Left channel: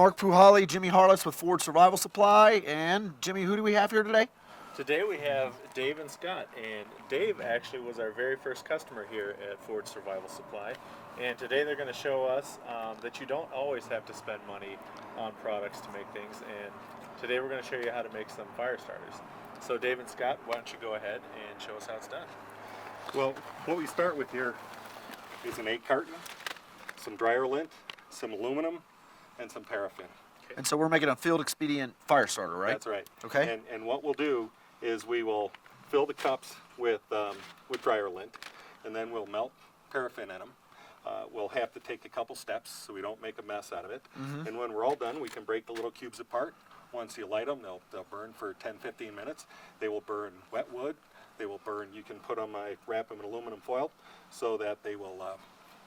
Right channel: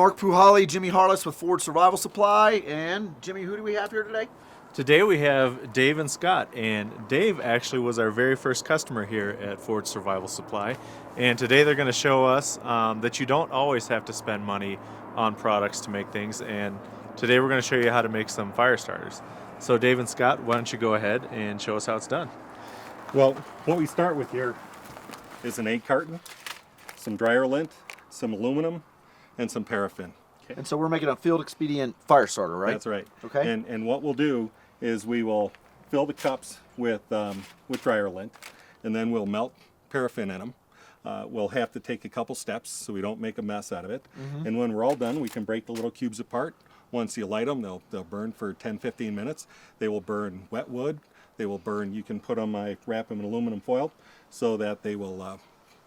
Mark Puhali, Jimmy Harless with Ford Survival Supply. And Jimmy, who do we have here today? Today we have Dave and Scott, and Dave actually was our very first customer here at Ford Survival Supply. And today they're going to show us that you don't always have to spend money on products to make things. And today we're going to show you how to make some fire starters. So Dave and Scott, why don't you go ahead and show us how it's done? Well, what we start with here is an egg carton, some dryer lint, some aluminum, and some paraffin. And so we're making a field expedient fire starter, right? That's right. Okay. And what we'll do is we will fill the cups with dryer lint, and then we'll melt paraffin in them. We'll have to take a couple steps so we don't make a mess out of it. And when we're all done, we can break the little cubes apart. Once you light them, they'll burn for 10-15 minutes. They will burn wet wood. They will burn. You can put them, I wrap them in aluminum foil so that they will.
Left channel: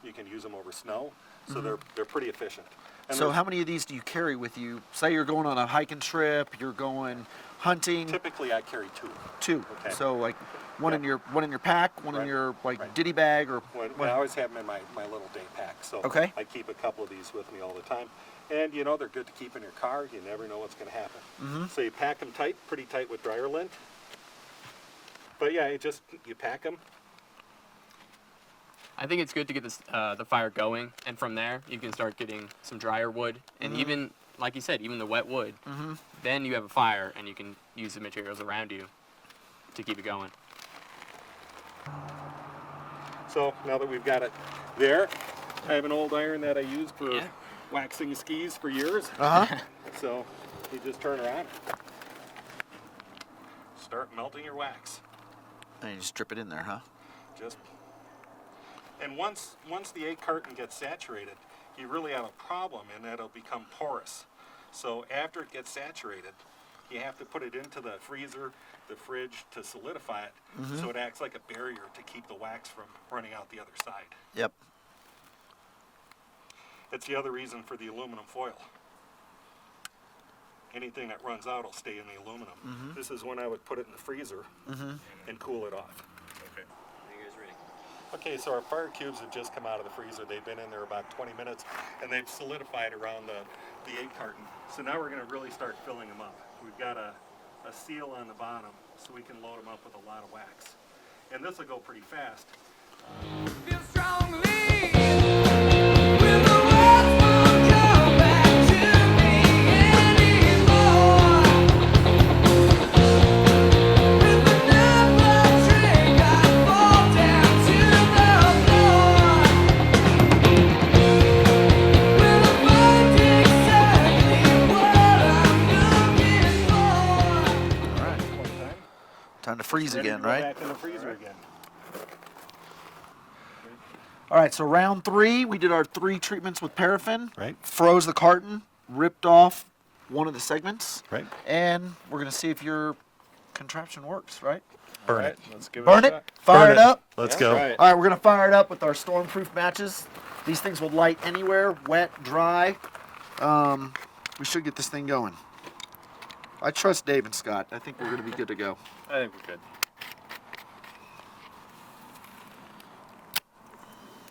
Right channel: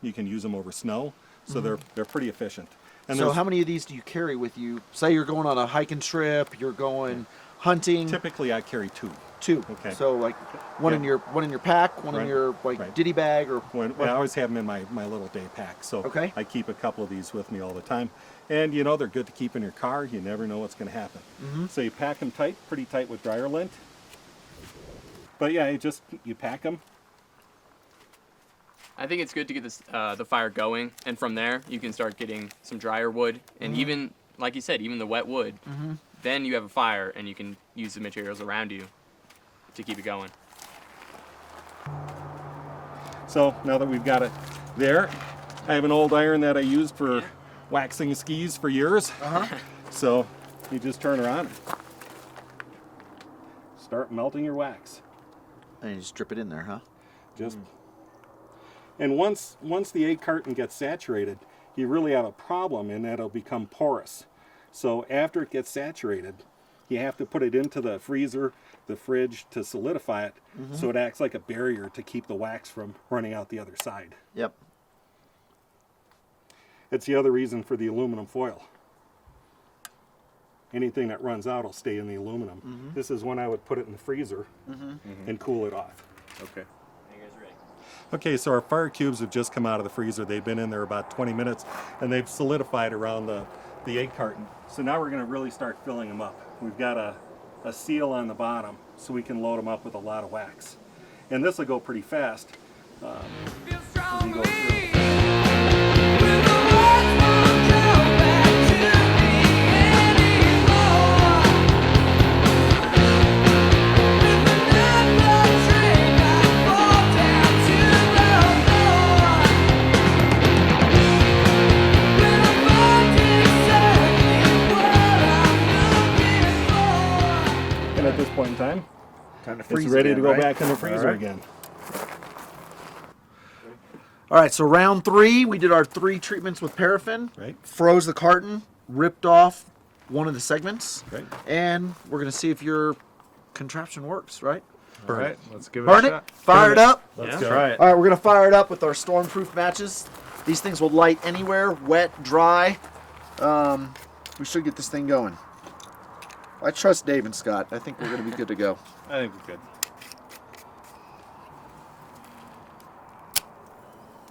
You can use them over snow. So they're pretty efficient. And so how many of these do you carry with you? Say you're going on a hiking trip, you're going hunting. Typically, I carry two. Two. Okay. So like one in your pack, one in your ditty bag, or. I always have them in my little day pack. So I keep a couple of these with me all the time. And you know they're good to keep in your car. You never know what's going to happen. So you pack them tight, pretty tight with dryer lint. But yeah, you pack them. I think it's good to get this, the fire going, and from there you can start getting some drier wood, and even, like you said, even the wet wood. Then you have a fire, and you can use the materials around you to keep it going. So now that we've got it there, I have an old iron that I used for waxing skis for years. So you just turn around, start melting your wax. And you just drip it in there, huh? Just. And once the egg carton gets saturated, you really have a problem, and that it'll become porous. So after it gets saturated, you have to put it into the freezer, the fridge to solidify it, so it acts like a barrier to keep the wax from running out the other side. Yep. It's the other reason for the aluminum foil. Anything that runs out will stay in the aluminum. This is when I would put it in the freezer and cool it off. Okay. Okay, so our fire cubes have just come out of the freezer. They've been in there about 20 minutes, and they've solidified around the egg carton. So now we're going to really start filling them up. We've got a seal on the bottom, so we can load them up with a lot of wax. And this will go pretty fast. Feel strongly when the words won't come back to me anymore. With another drink, I fall down to the floor. When I find exactly what I'm looking for. And at this point in time, Time to freeze it's ready again, to go right? back in the freezer right. again. All right, so round 3, we did our 3 treatments with paraffin. Right. Froze the carton, ripped off one of the segments. Right. And we're going to see if your contraption works, right? All right, let's give it Burn a it, shot. fire it up. Let's Yeah, go. try it. All right, we're going to fire it up with our stormproof matches. These things will light anywhere, wet, dry. We should get this thing going. I trust Dave and Scott. I think we're going to be good to go. I think we're good.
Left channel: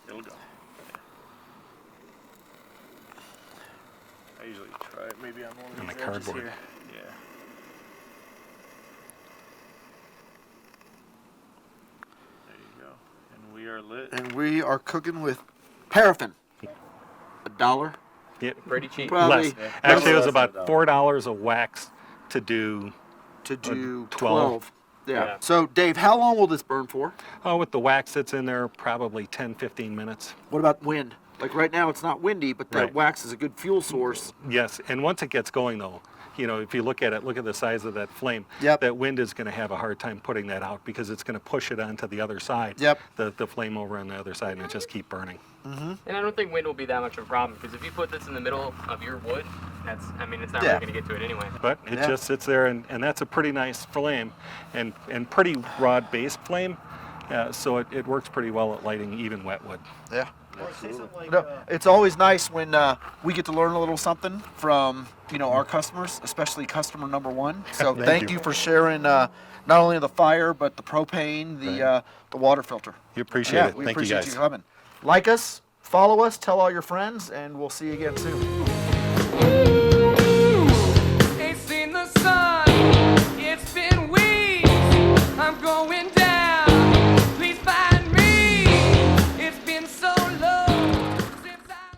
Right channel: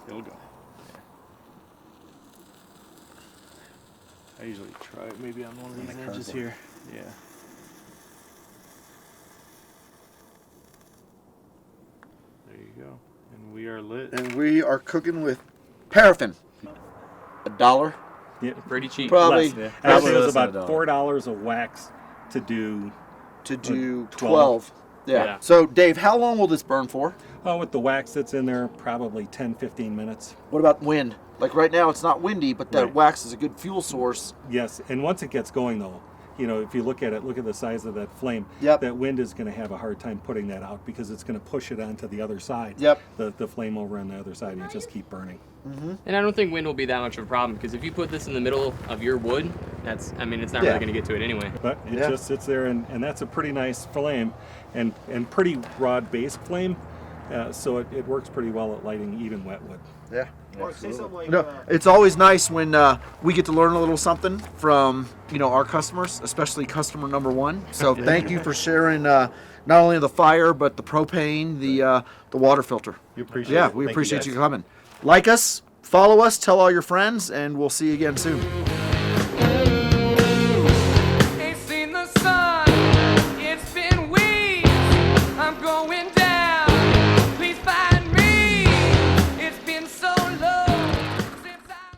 It'll go. I usually try it maybe on one of these edges cardboard. here. Yeah. There you go. And we are lit. And we are cooking with paraffin. $1. Yeah, Pretty cheap. Probably. less. Actually, it was less than about $1. $4 of wax to do. To do 12. 12. Yeah. Yeah. So, Dave, how long will this burn for? Oh, with the wax that's in there, probably 10-15 minutes. What about wind? Like right now, it's not windy, but that Right. wax is a good fuel source. Yes, and once it gets going, though, you know, if you look at it, look at the size of that flame. Yep. That wind is going to have a hard time putting that out because it's going to push it onto the other side. Yep. The flame over on the other side, and it just keep burning. And I don't think wind will be that much of a problem, because if you put this in the middle of your wood, it's not Yeah. really going to get to it anyway. But it Yeah. just sits there, and that's a pretty nice flame, and pretty broad-based flame. So it works pretty well at lighting even wet wood. Yeah. It's always nice when we get to learn a little something from our customers, especially customer number 1. So thank you for sharing not only the fire but the propane, the water filter. We appreciate Yeah, it. we Thank appreciate guys. you coming. Like us, follow us, tell all your friends, and we'll see you again soon.